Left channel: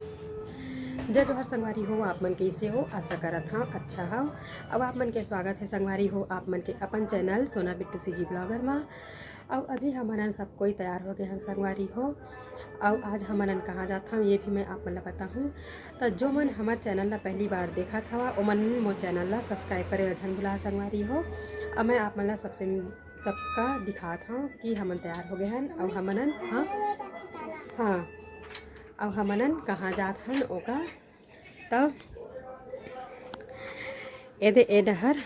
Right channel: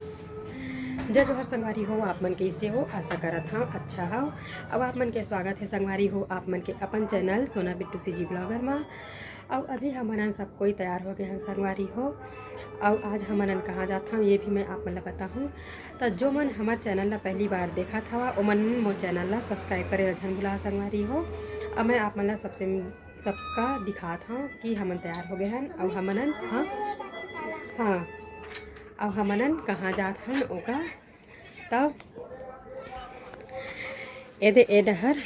जय जोहर संगवारी हो, आप मन कैसे हो? आशा करत हाँ अच्छा हो। अब आप मन के स्वागत है संगवारी हो आप मन के अपन चैनल सोना बिट्टू सी जी ब्लॉगर में। अब अभी हमन सब कोई तैयार हो गए हैं संगवारी हो। अब आज हमन कहाँ जाता हूँ ये भी मैं आप मन ला बताऊँ। तो जो मन हमारे चैनल ला पहली बार देखा था वो मन मोर चैनल ला सब्सक्राइब करे झन भुला संगवारी हो। अब मैं आप मन ला सबका दिखाता हूँ कि हमन तैयार हो गए हैं। अब हमन हाँ अब हमन कहाँ जात हन ओका तब ए डहर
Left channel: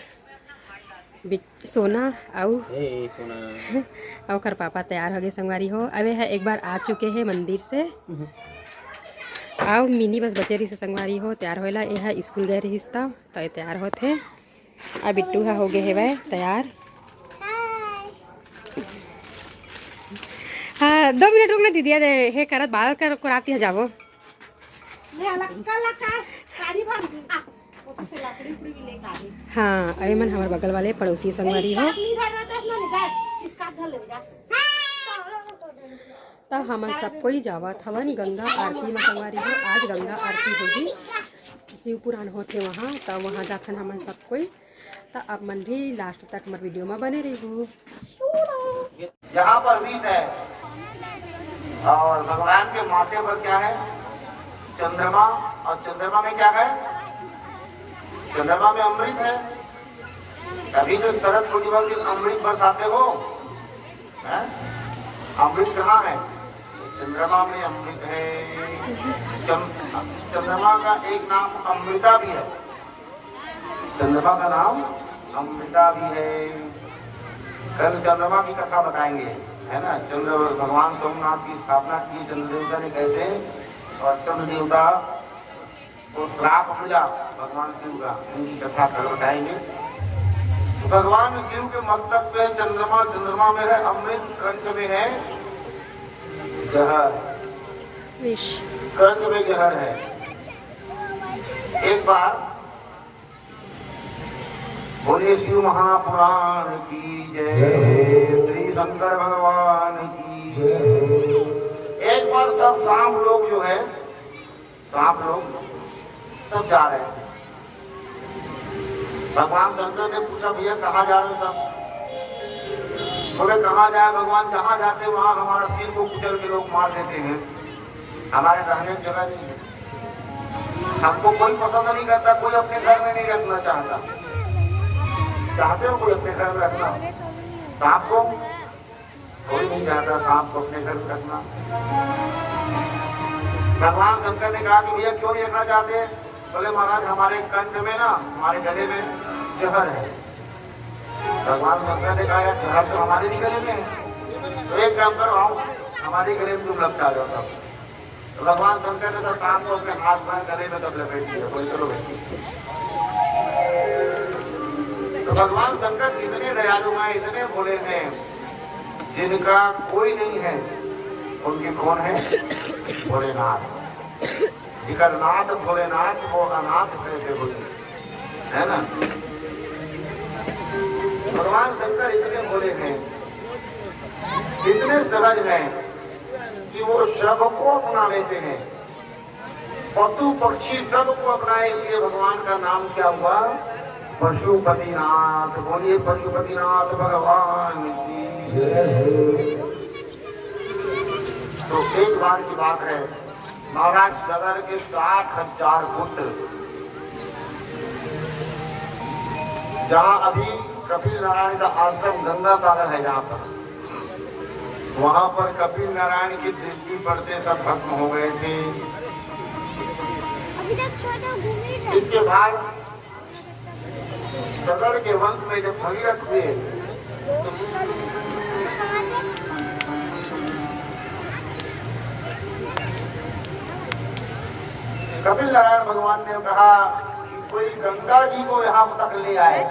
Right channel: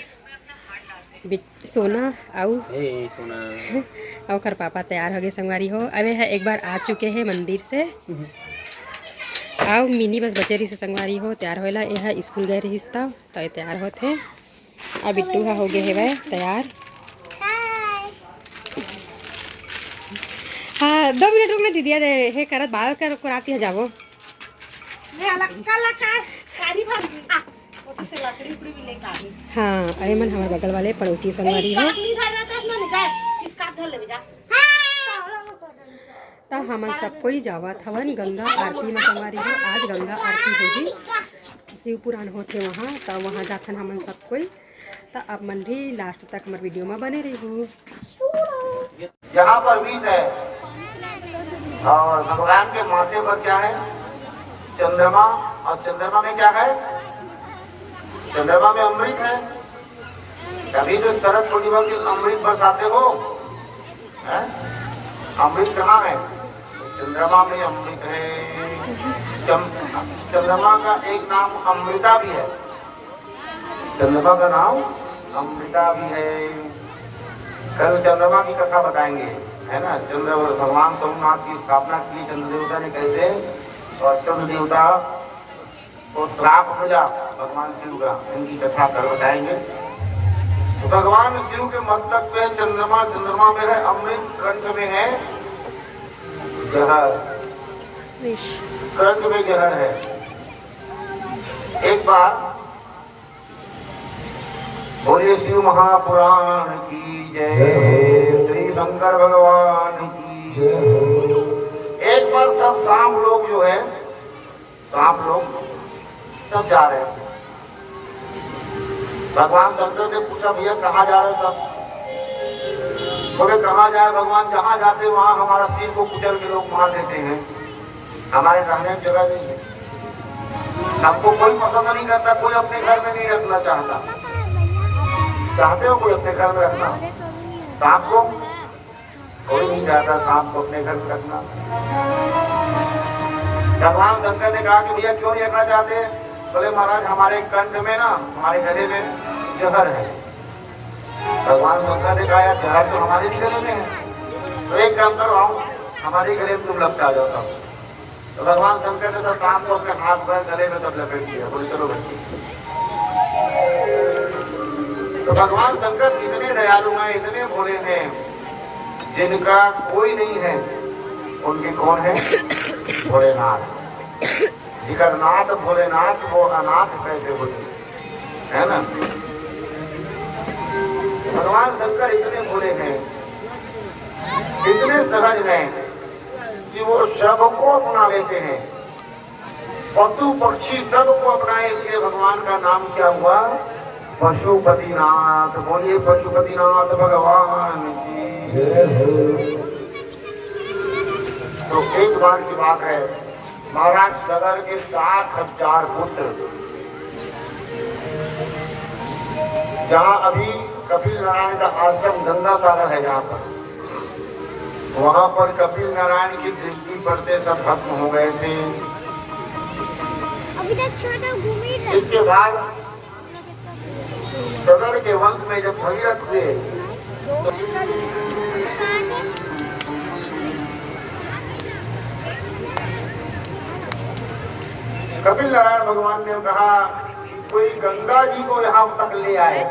सोना और कर पापा तैयार हो गए संगवारी हो। अबे है एक बार आ चुके हैं मंदिर से। आओ मिनी बस बचे रही से संगवारी हो तैयार होएला। यह स्कूल गए रही तब तो तैयार होते। अब बिट्टू हो गए है वह तैयार। हाँ 2 मिनट रुकना दीदी है करत बाल कर कराती है जावो। हाँ अरे मन हमारे बगल वाले पड़ोसी संगवारी हो। तो हम सब कोई जावत हवन गंगा आरती में संगवारी हो। आज गंगा आरती होगी, शिव पुराण होते वहाँ तो वहाँ जाथन हमन सब कोई। तो अब मन भी लास्ट तक हमारे वीडियो में बने रही हो। यहाँ पर बीज है और भगवान के माथे पर क्या है? चंद्रमा। और चंद्रमा में क्या है? चंद्रमा में अमृत है। कभी जो शरद पूर्णिमा की अमृत बरसाते हो अमृत कहाँ है? चंद्रमा में अमृत है। चंद्रमा का एक नाम अमृता भी है। चंद्रमा का नाम अमृता भी है। कल चंद्रमा की कथा बताएंगे, है ना। चंद्र भगवान सोमनाथ की स्थापना की चंद्र देवता ने कैसे, और चंद्र देवता को श्राप मिला भगवान शिव का, उनकी कथा कल बताएंगे। तो भगवान शिव के मस्तक पे चंद्रमा, चंद्रमा में है अमृत, कंठ में है जहर, कंठ में जहर है। एक बार बोले शिव महापुराण की जय, श्री शंकर भगवान की जय। एक बार सब सांप लोग जो है, सांप लोग सब जा रहे थे। भगवान शंकर ने पूछा भैया कहाँ जा रहे सब? बोले कहाँ जाए भगवान, जहाँ जाते वहाँ हमारा सिर को कुचल के लोग मार देते हैं, हमारे रहने की जगह नहीं है। हमको कोई पसंद नहीं करता, कोई अपने घर में नहीं रखना चाहता। चाहते हो कोई अपने घर में रखना? सांप को कोई नहीं चाहता, सांप को अपने घर में रखना। भगवान शंकर ने कहा कि भैया क्यों नहीं रखना चाहते? बोले महाराज हमारे कंठ में ना, हमारे गले में जहर है। भगवान शंकर ने कहा जहर तो हमारे भी गले में है, तो एक काम करो आओ हमारे गले में तुम लपटा जाता। तो भगवान शंकर ने सांप को अपने हाथ पर गले में तब लपेट दिया। बोले चलो बच्चे। तो भगवान शंकर इतने दयालु हैं, इतने भोले हैं, जिनका कोई नहीं है उनके कौन है? भोलेनाथ। जिकर नाथ भोलेनाथ वो अनाथ कैसे होते, है ना। भगवान शंकर इतने भोले हैं, इतने सहज हैं कि वो सबको अपना लेते हैं। पशु पक्षी सबको अपनाए, इसलिए भगवान का नाम क्या हुआ? पशुपतिनाथ। बोलिए पशुपतिनाथ भगवान की जय। तो एक बार की बात है, महाराज सगर के 7,000 पुत्र, जहाँ अभी कपिल नारायण का आश्रम गंगा सागर है, जहाँ पर वहाँ पर कपिल नारायण की दृष्टि पड़ते सब भस्म हो गए थे। इसके बाद सगर के वंश में जब भगीरथ हुए तो कपिल नारायण भगवान ने कहा कोई गंगा जी को यहाँ तक ले आए,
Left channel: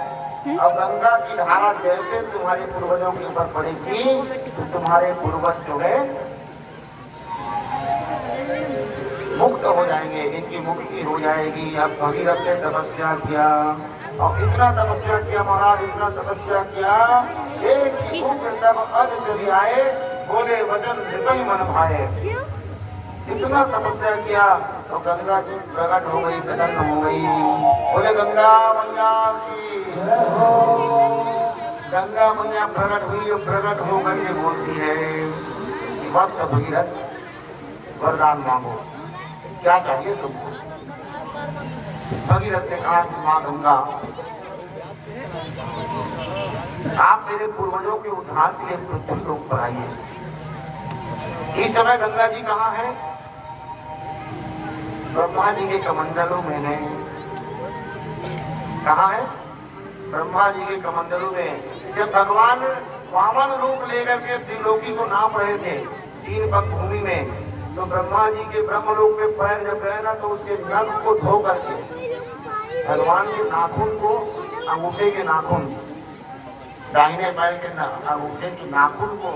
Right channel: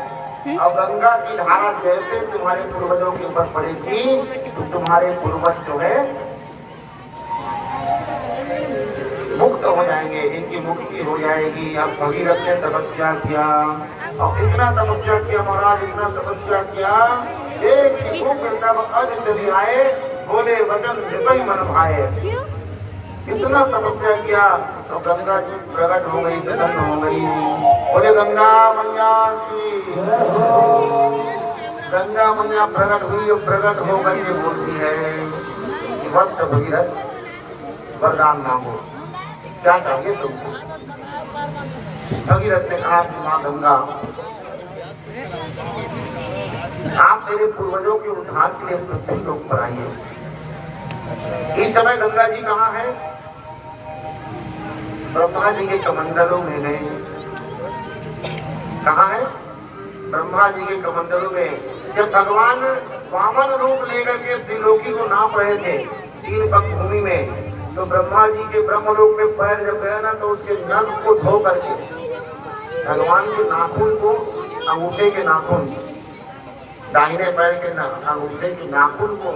और गंगा की धारा जैसे तुम्हारे पूर्वजों के ऊपर पड़ेगी तो तुम्हारे पूर्वज जो है मुक्त हो जाएंगे, इनकी मुक्ति हो जाएगी। अब भगीरथ ने तपस्या किया, और इतना तपस्या किया महाराज, इतना तपस्या किया, एक तब अध चली आए, बोले वचन हृदय मन भाए। इतना तपस्या किया तो गंगा जी प्रकट हो गई, प्रसन्न हो गई। बोले गंगा मैया की गंगा मैया प्रकट हुई और प्रकट हो गई ये बोलती है कि वत्स भगीरथ वरदान मांगो, क्या चाहिए तुमको। भगीरथ ने कहा कि मां गंगा, आप मेरे पूर्वजों के उद्धार के लिए पृथ्वी लोक पर आइए। इस समय गंगा जी कहाँ है? ब्रह्मा जी के कमंडलों में है। कहाँ है? ब्रह्मा जी के कमंडलों में। जब भगवान वामन रूप लेकर के त्रिलोकी को नाप रहे थे तीन पग भूमि में, तो ब्रह्मा जी के ब्रह्मलोक में पैर जब गया ना, तो उसके नख को धो करके भगवान के नाखून को, अंगूठे के नाखून, दाहिने पैर के अंगूठे के नाखून को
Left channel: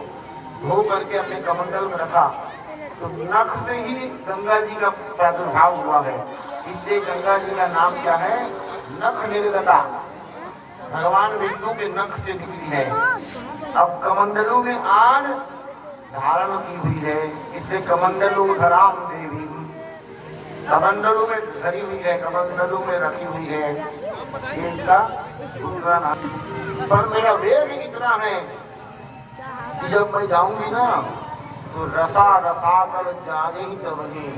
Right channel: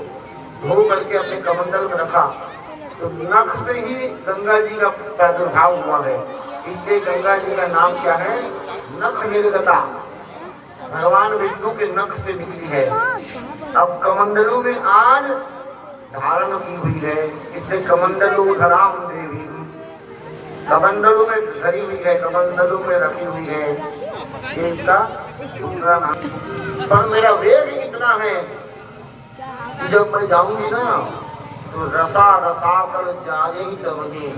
धो करके अपने कमंडल में रखा। तो नख से ही गंगा जी का प्रादुर्भाव हुआ है। इसलिए गंगा जी का नाम क्या है? नख निर्गता। भगवान विष्णु के नख से निकली है। अब कमंडलों में आज धारण की हुई है, इसलिए कमंडलू धराम देवी, कमंडलों में धरी हुई है, कमंडलों में रखी हुई है। ये इसका दूसरा नाम। पर मेरा वेग इतना है कि जब मैं जाऊंगी ना, तो रसा रसा कर जाए ही तबगे।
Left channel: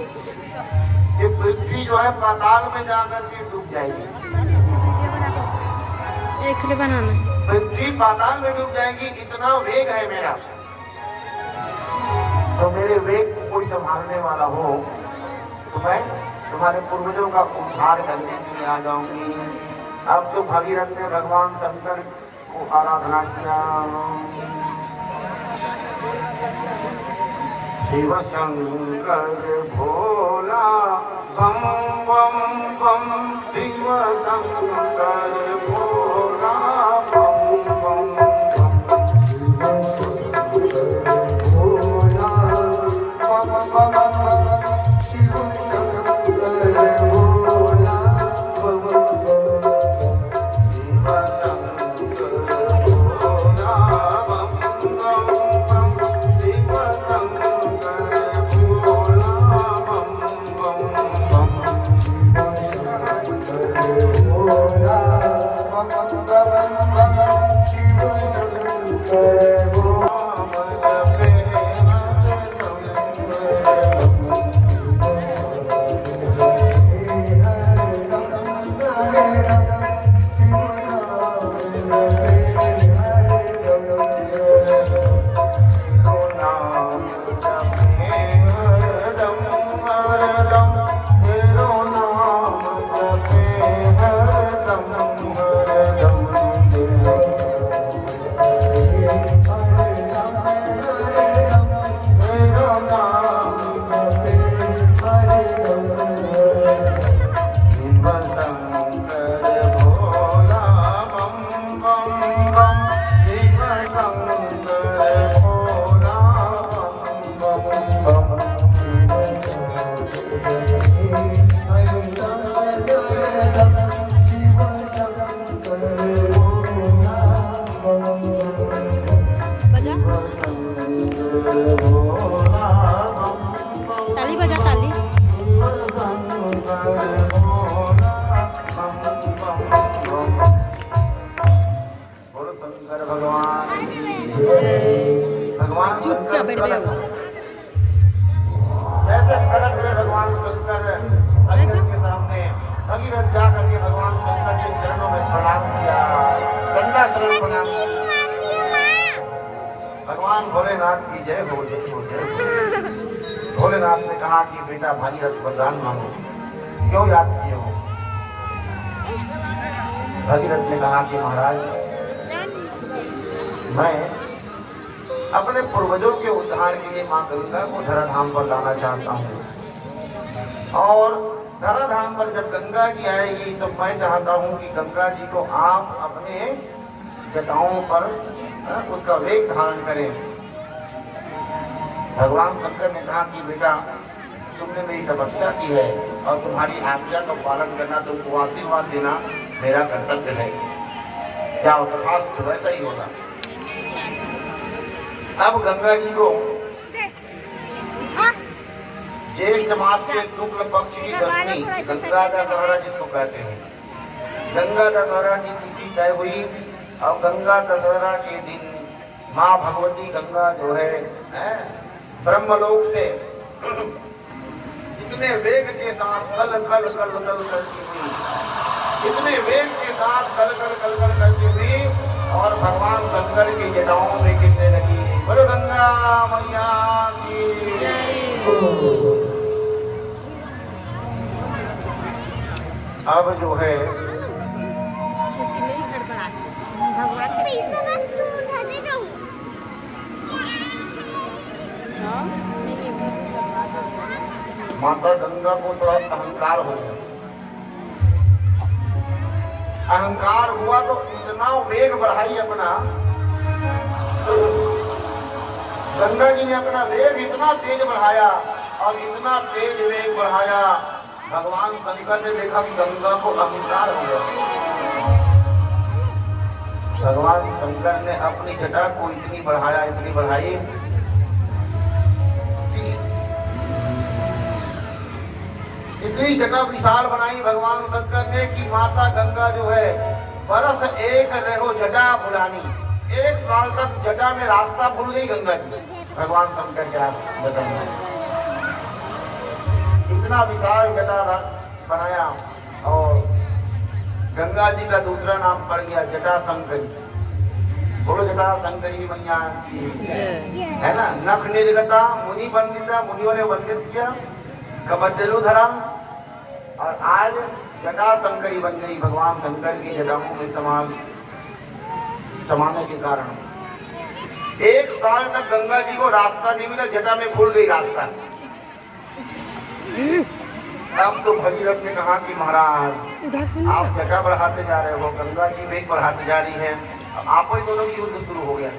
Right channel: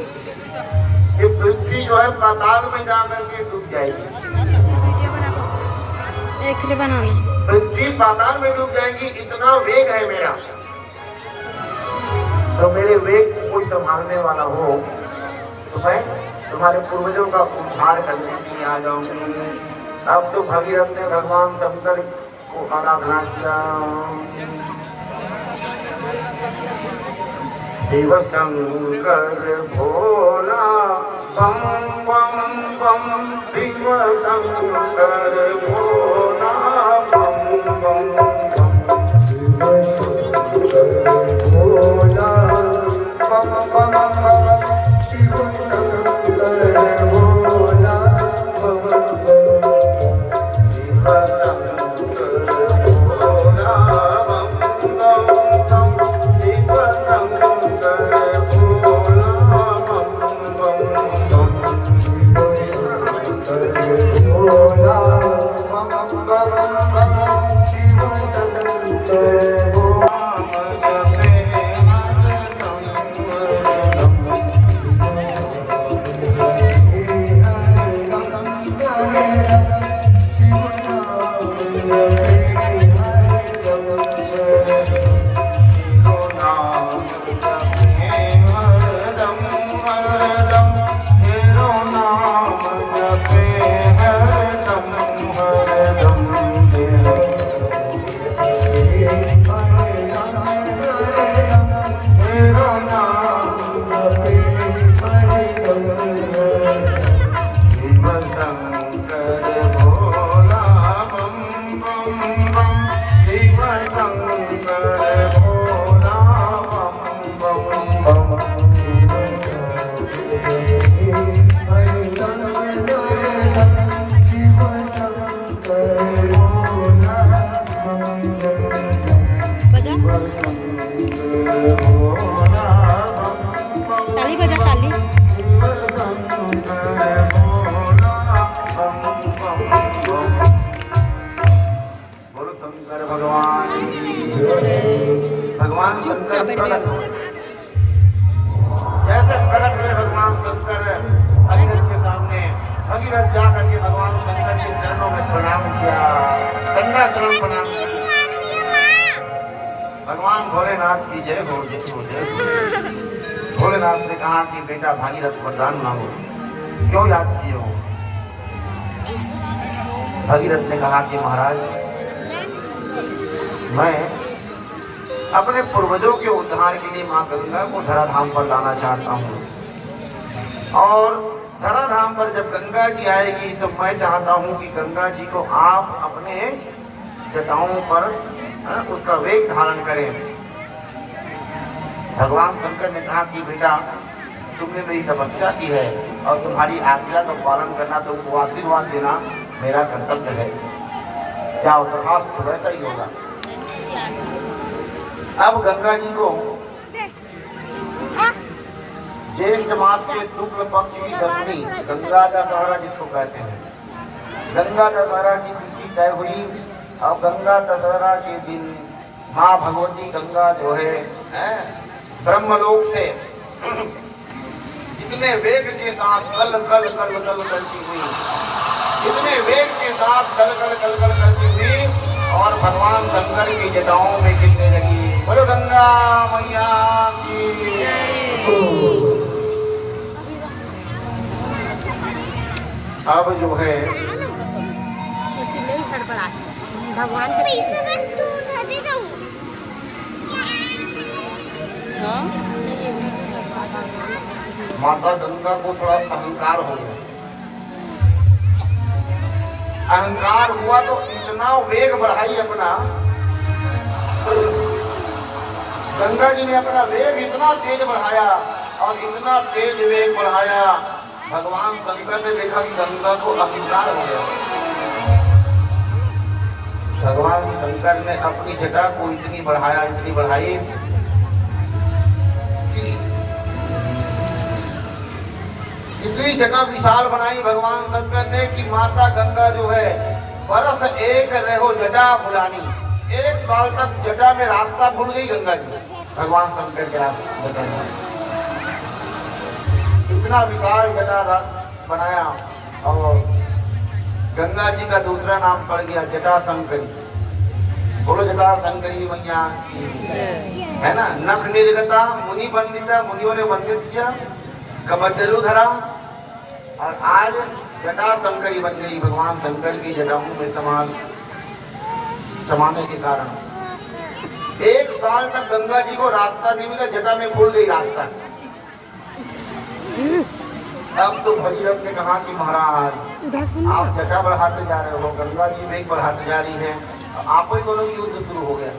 ये पृथ्वी जो है पाताल में जाकर के डूब जाएगी। पृथ्वी पाताल में डूब जाएगी, इतना वेग है मेरा। तो मेरे वेग को कोई संभालने वाला हो तो मैं तुम्हारे पूर्वजों का उद्धार करने के लिए आ जाऊंगी। अब तो भगीरथ ने भगवान शंकर को आराधना किया। शिव शंकर भोला बम बम बम, शिव शंकर भोला बम बम बम, शिव शंकर भोला बम बम बम, शिव शंकर भोला बम बम, शिव शंकर भोला बम बम बम, शिव शंकर भोला बम बम बम, शिव शंकर भोला बम बम बम, शिव शंकर भोला। ताली बजा ताली। बोलो शंकर भगवान, भगवान शंकर प्रकट हुए। जैसे प्रकट हुए भगवान शंकर भगीरथ के सामने, भगीरथ जाकर के भगवान शंकर के चरणों में प्रणाम किया, गंगा चरण प्रणाम किया। भगवान भोलेनाथ की जय हो, जय हो, जय हो। भोलेनाथ ने कहा कि बेटा भागीरथ वरदान मांगो, क्यों याद किए हो? भगीरथ ने कहा कि महाराज, मैं अपने पूर्वजों के उद्धार के लिए मां गंगा को धराधाम पर लाना चाहता हूँ। और धराधाम पर जब गंगा जी आएगी तो मैं चाहता हूँ कि गंगा जी को आप अपने जटाओं पर उसका वेग धारण करें। भगवान शंकर ने कहा कि बेटा, तुमने मेरी तपस्या की है और तुम्हारी आज्ञा का पालन करना, तुमको आशीर्वाद देना मेरा कर्तव्य है। जाओ, तथास्तु, वैसा ही होगा। अब गंगा जी को ज्येष्ठ मास के शुक्ल पक्ष की दशमी गंगा दशहरा जिसको कहते हैं, गंगा दशहरा की तिथि तय हुई और गंगा दशहरा के दिन माँ भगवती गंगा जो है ब्रह्मलोक से इतने वेग के साथ कल कल कल कल करती हुई, इतने वेग के साथ कल कल कल कल करती हुई और भगवान शंकर की जटाओं में गिरने लगी। बोलो गंगा मैया की। अब जो है माता गंगा को थोड़ा अहंकार हो गया। अहंकार हुआ तो इतना वेग बढ़ाई अपना, गंगा जी ने अपना वेग इतना तेज बढ़ाया और इतना तेज वेग बढ़ाया, भगवान शंकर ने देखा कि गंगा को अहंकार हो गया। भगवान शंकर ने अपनी जटा को इतनी बढ़ाया, इतनी बढ़ाई, इतनी जटा विशाल बनाई भगवान शंकर ने कि माता गंगा जो है बरस एक रहो जटा भुलानी, 1 साल तक जटा में रास्ता भूल गई गंगा जी। भगवान शंकर के जटा में इतना विशाल जटा बनाया और गंगा जी का दूसरा नाम पड़ गया जटा शंकरी। बोलो जटा शंकरी मैया की, है ना। नख निर्गता मुनि बंदिता, मुनियों ने बंदित किया, कमंडलू धर्म, और आज जटा शंकरी बन गई। भगवान शंकर की जटाओं में समाने के कारण 1 साल तक गंगा जी को रास्ता नहीं मिला, जटा में खुल गई रास्ता। अब तो भगीरथ ने कहा कि महाराज आप जटा बढ़ाते जा रहे हो, गंगा जी वेग बढ़ाते जा रही है, आपको ही दोनों की युद्ध शुरू हो गया।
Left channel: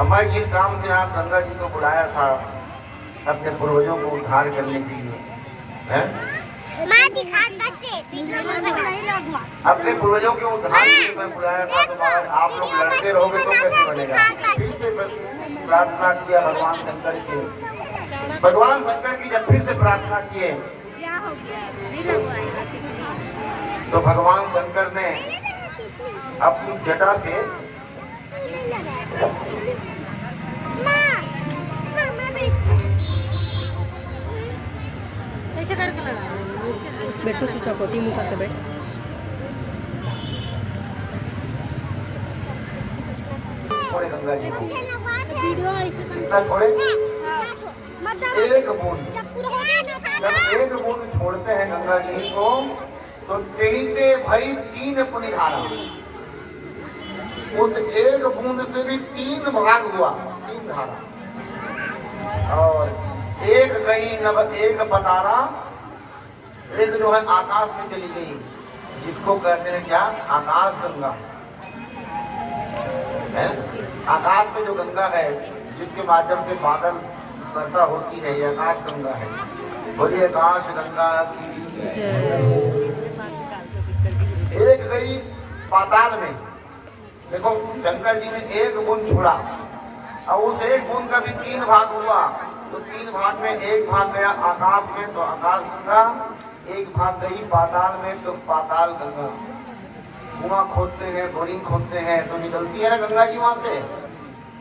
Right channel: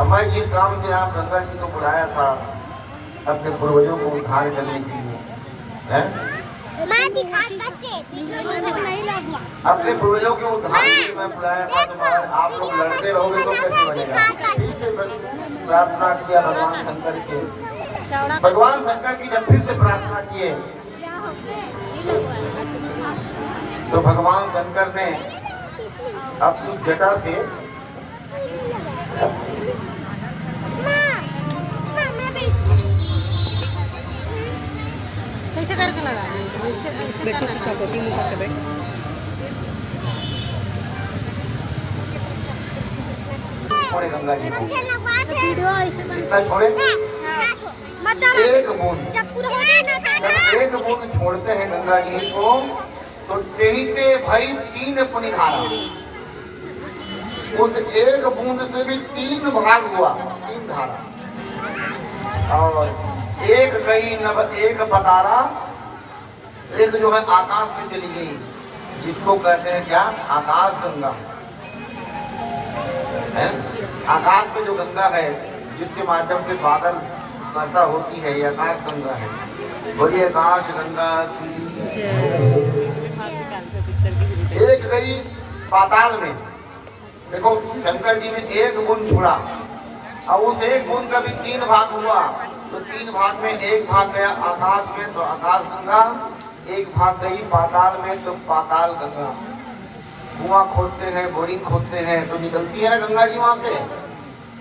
अब मैं जिस काम से आप गंगा जी को बुलाया था अपने पूर्वजों को उद्धार करने के लिए, है अपने पूर्वजों के उद्धार के लिए मैं बुलाया था, तो आप लोग लड़ते रहोगे तो कैसे बनेगा। फिर से प्रार्थना किया भगवान शंकर के, भगवान शंकर की जब फिर से प्रार्थना किए तो भगवान शंकर ने अपनी जटा से कैसे करके लगा बैठो चौकोटी मुँह करके बैठ। छोड़े गंगा जी को, छोड़े एक बूंद छोड़ते हैं गंगा जी को तो टेढ़े भाई 3 पुनिधारा, उस एक बूंद से भी 3 भाग हुआ, 3 धारा, और एक गई नभ, एक पतारा, एक जो है आकाश में चली गई, जिसको कहते हैं क्या, आकाश गंगा है। आकाश में जो गंगा है जिसके माध्यम से बादल वर्षा होती है, ये आकाश गंगा है। बोलिए आकाश गंगा की। एक गई पाताल में, देखो शंकर जी ने एक बूंद छोड़ा और उस एक बूंद का भी 3 भाग हुआ, तो 3 भाग में एक भाग गया आकाश में, तो आकाश गंगा, एक भाग गई पाताल में, तो पाताल गंगा। कुआं खोदते हैं, बोरिंग खोदते हैं, तो निकलती है ना गंगा जी वहां से।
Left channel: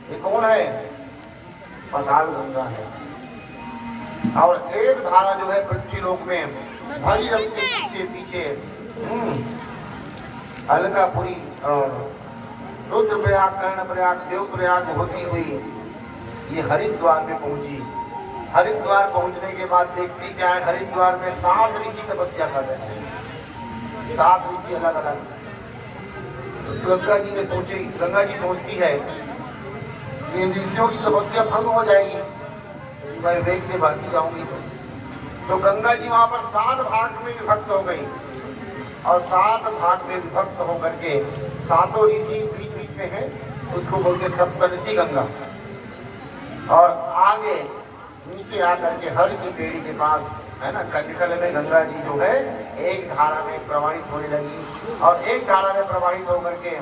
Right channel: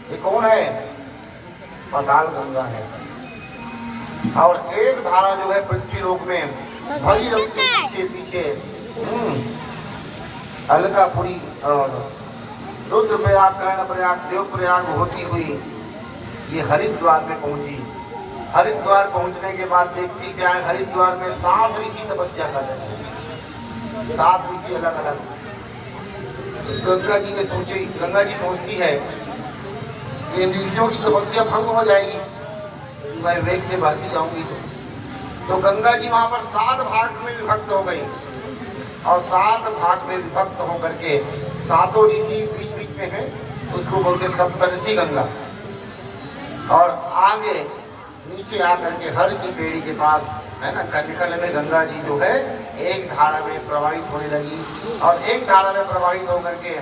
ये कौन है, पाताल गंगा है। और एक धारा जो है पृथ्वी लोक में भगीरथ के पीछे पीछे अलकापुरी और रुद्रप्रयाग, कर्णप्रयाग, देवप्रयाग होती हुई ये हरिद्वार में पहुंची। हरिद्वार पहुंचने के बाद देखती क्या है, हरिद्वार में 7 ऋषि तपस्या कर रहे हैं, 7 ऋषि अलग अलग। गंगा जी ने सोची, गंगा जी सोचती है कि ऋषियों की तपस्या भंग हो जाएगी, मैं वेग से भागी जाऊंगी तो गंगा जी वहां पर 7 भाग में विभक्त हो गई, और 7 भाग में विभक्त होकर के 7 ऋषि बीच बीच में है, उसको बोलते सप्तऋषि गंगा। और आगे नीचे आकर के हर की पेड़ी के पास है ना, कटकल में गंगा जी जो है एक धारा में प्रवाहित होने लगी, और एक धारा में प्रवाहित होकर के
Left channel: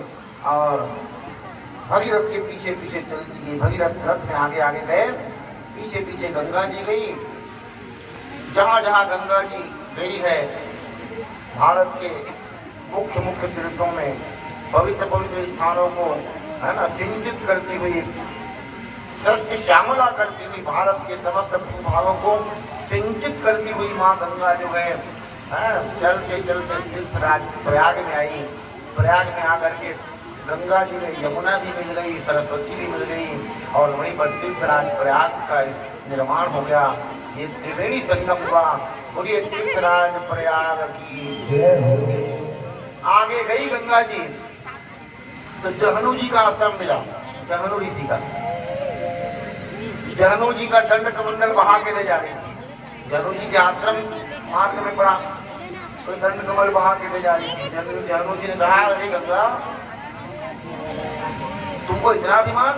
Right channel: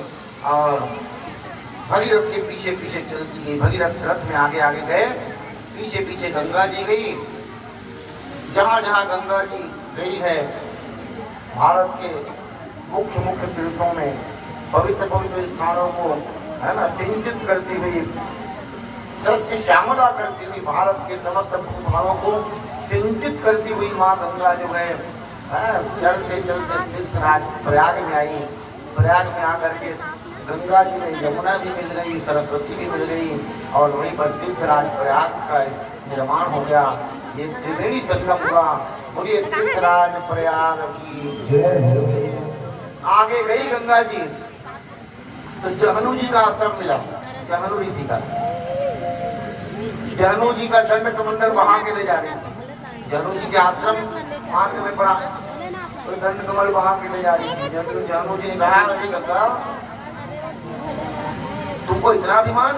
और भगीरथ के पीछे पीछे चलती गई। भगीरथ रथ में आगे आगे गए, पीछे पीछे गंगा जी गई, जहाँ जहाँ गंगा जी गई है भारत के मुख्य मुख्य तीर्थों में, पवित्र पवित्र स्थानों को है ना सिंचित करती हुई, सत्य श्यामला करती हुई, भारत के समस्त भूभागों को सिंचित करती हुई माँ गंगा जो है चलते चलते तीर्थराज प्रयाग में आई। प्रयाग में आकर के गंगा जी में यमुना भी मिल गई, सरस्वती भी मिल गई और वहीं पर तीर्थराज प्रयाग का निर्माण हो गया। ये त्रिवेणी संगम हुआ और ये तीर्थराज प्रयाग की आगे गई गंगा जी तो जहनु जी का आश्रम मिला, जहनु ऋषि का। जहनु जी का दंड कमंडल बहा के ले जा रही थी। जहनु जी के आश्रम मार्ग में पड़ा तो दंड कमल बहा के ले जा रही थी। जहनु जी ने कहा, अरे गंगा तुमको इतना अभिमान,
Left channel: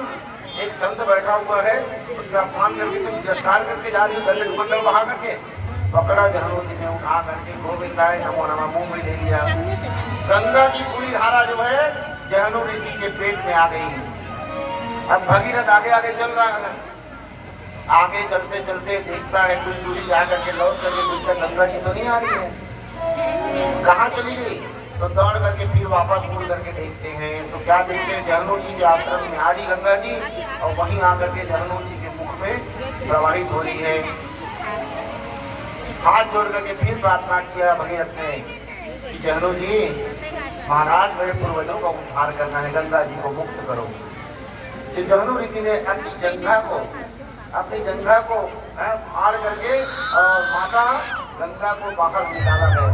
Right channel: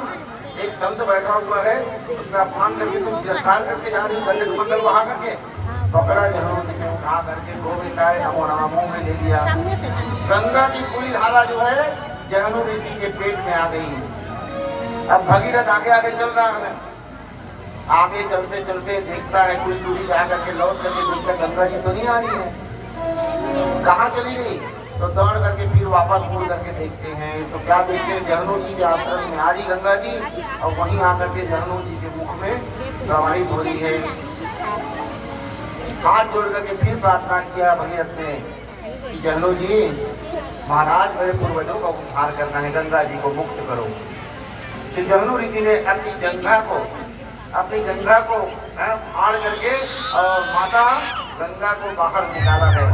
एक संत बैठा हुआ है उसका अपमान करके तुम तिरस्कार करके जा रही हो, दंड कमंडल बहा करके। पकड़ा जहनु जी ने, उठा करके गोविंदाय नमो नमः मुंह में ले लिया। गंगा की पूरी धारा जो है जहनु ऋषि के पेट में आ गई। अब भगीरथ आगे आगे चल रहा है, आगे चलते चलते देखता है कुछ दूरी जा करके लौट करके देखता गंगा जी तो नहीं आ रही है, कहाँ चली गई। तो दौड़ करके फिर वापस मुड़ करके देखते हैं तो क्या देखते हैं, जहनु जी के आश्रम में आ रही गंगा जी और वहीं आकर के जहनु जी के मुख में प्रवाहित हो रही है। हाथ जोड़ करके फिर प्रार्थना किया भगीरथ ने कि जहनु जी महाराज मेरे पूर्वजों का उद्धार करना है, गंगा जी को मुक्त करो। तो जहनु ऋषि ने अपनी जंघा को फाड़ करके और माता गंगा को बाहर निकाला है।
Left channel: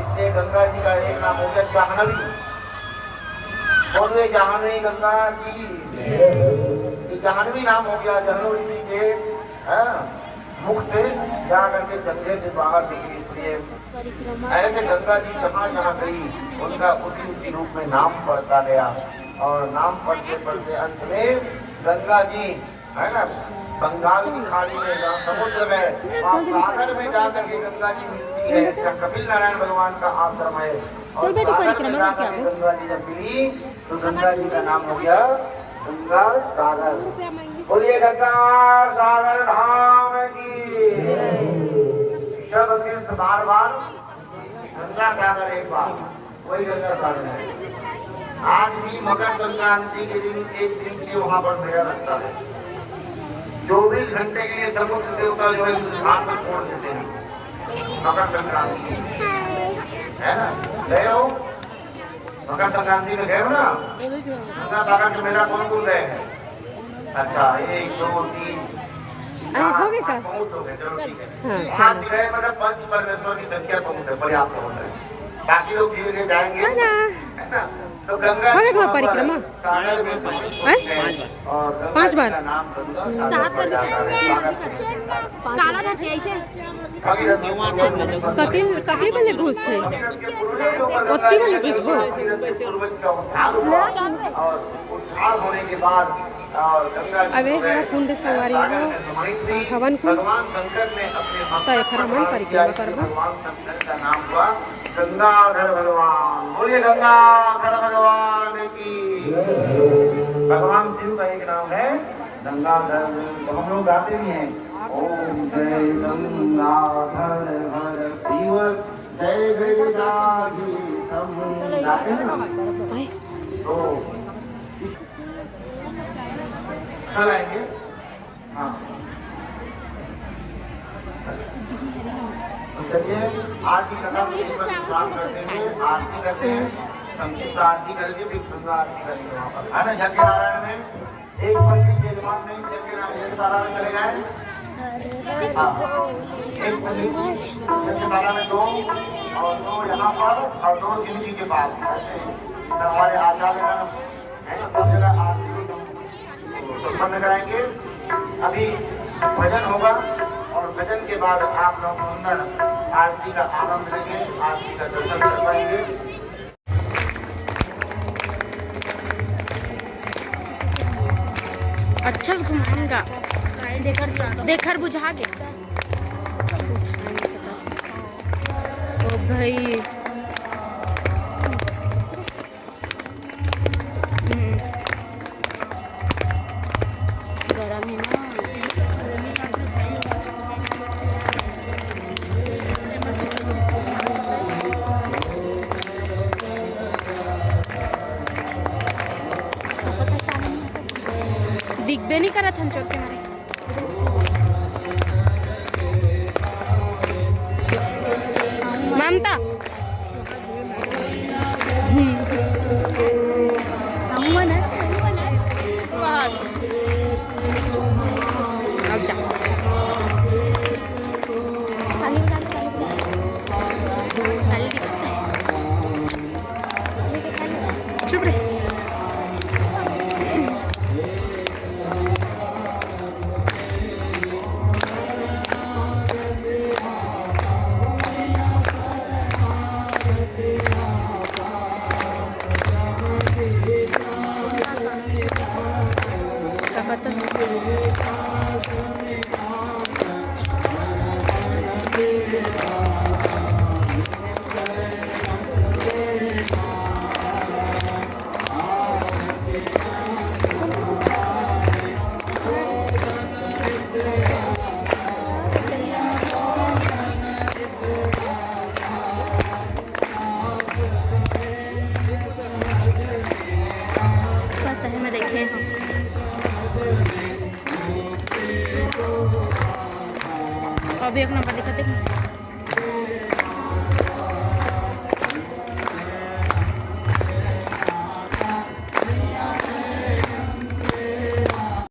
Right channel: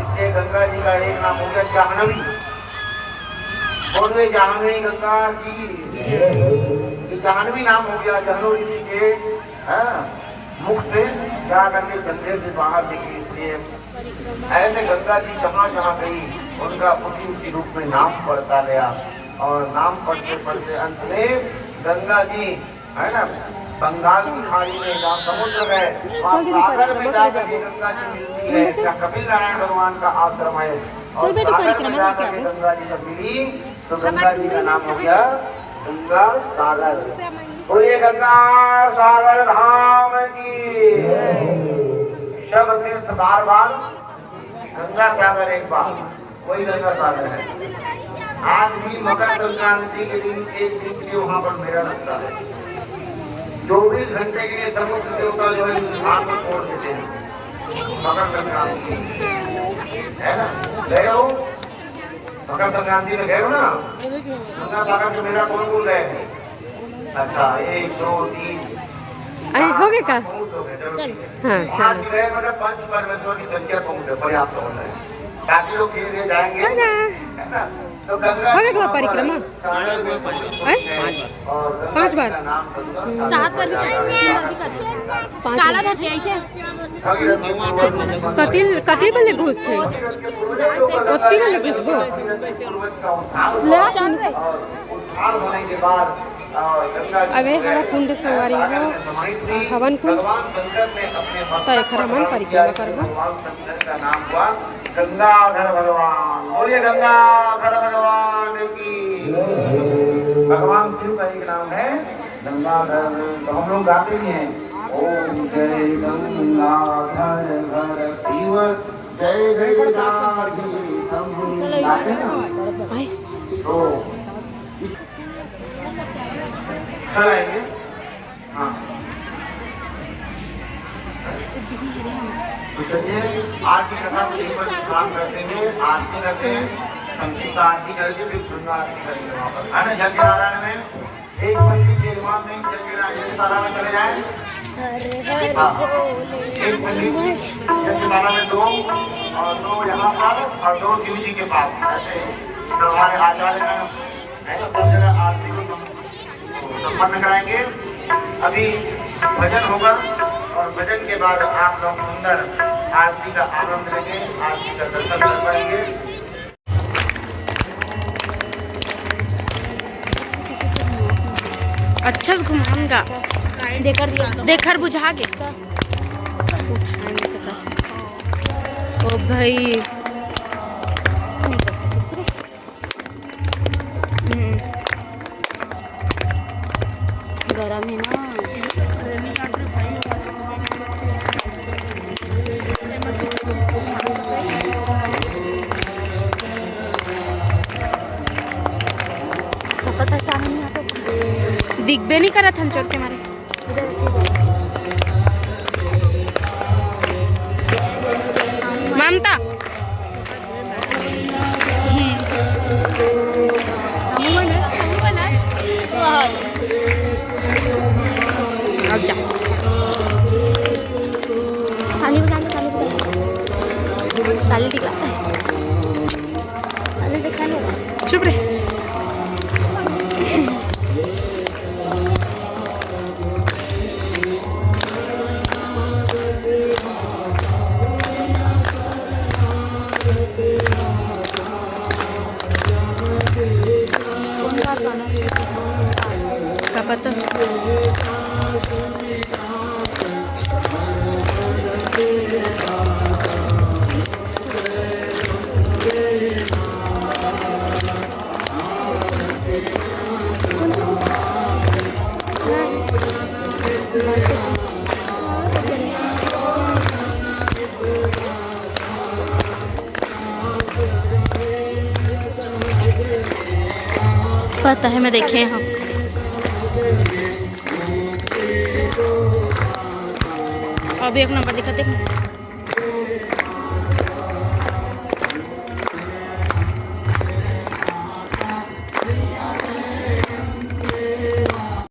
इसलिए गंगा जी का एक नाम हो गया जाह्नवी। बोलिए जाह्नवी गंगा जी, ये जाह्नवी नाम हो गया जहनु ऋषि के मुख से जा करके गंगे से बाहर निकली। इसलिए ऐसे गंगा जी जहाँ जहाँ गई उनका उसी रूप में नाम पड़ता गया और नाम पढ़ते पढ़ते अंत में गंगा जी है ना बंगाल की खाड़ी में जहाँ समुद्र गए वहाँ सागर में जाकर के गंगा जी मिलती है, जहाँ कपिल नारायण भगवान का आश्रम है। और सागर में जाकर के गंगा जी जब मिली तो गंगा जी का नाम हो गया गंगा सागर। बोलिए गंगा सागर धाम की सब तीर्थ बार बार, गंगा सागर एक बार, वही गंगा सागर है। आज भी मकर संक्रांति के दिन एक दिन के वहाँ पर मेला लगता है। 24 घंटे के लिए समुद्र देवता जो है स्थान पर छोड़ देते हैं मकर संक्रांति है ना। गए हो मकर संक्रांति में, गए हो ना गंगा सागर से मेला कौन कौन गए हैं? अच्छा 1 2 3 अरे हो गए का? हाँ चलो। मतलब पंच परमेश्वर की संख्या बहुत है, पर्याप्त होता है, काफी लोग धीरे धीरे जाएंगे है ना। तो गंगा हो गया परिक्रमा 5 बार 7 बार काला धर ऐसे कति वाले घुस थे, ओत्ती वाले घुसबो होने के बाद अबे हरा कुंड सवारी हो हवन कुंड तो एक हरमन परिक्रमा करबो। गंगाधर भगवान, बोलिए गंगाधर भगवान की। भगवान शिव का एक नाम है गंगाधर, तो हम लोग गाते भी हैं ओम जय गंगाधर धर शिव जय गिरधारी तो चलिए आज की सभा में यही पर काम करते हैं। आरती करते हैं, संक्षिप्त आरती करके फिर सुंदर आरती करेंगे वहाँ पर है ना। यज्ञ नारायण में एक पंडित के इमाम में यज्ञशाला में चले जाए, एक पंडित यज्ञशाला में 2 और 2 यहाँ पर और 2 शिव जी के पास। ऐसे हमारे आचार्य है ना सब जगह आरती को संपन्न कराएंगे। अभी भजन होगा और भजन के बाद आप लोग सुंदर आरती का आनंद लेंगे, आरती का दर्शन कर पाएंगे। अच्छा से घुमाऊंगा, देखकर बुझा के उठा नहीं सका। ओ भाई गरम है ना। बेनी करा था चोर के मारे। ममता अब जा चुप रे। का पता पता है, मैं देखे हैं। अब एक नंबर दिखा देख।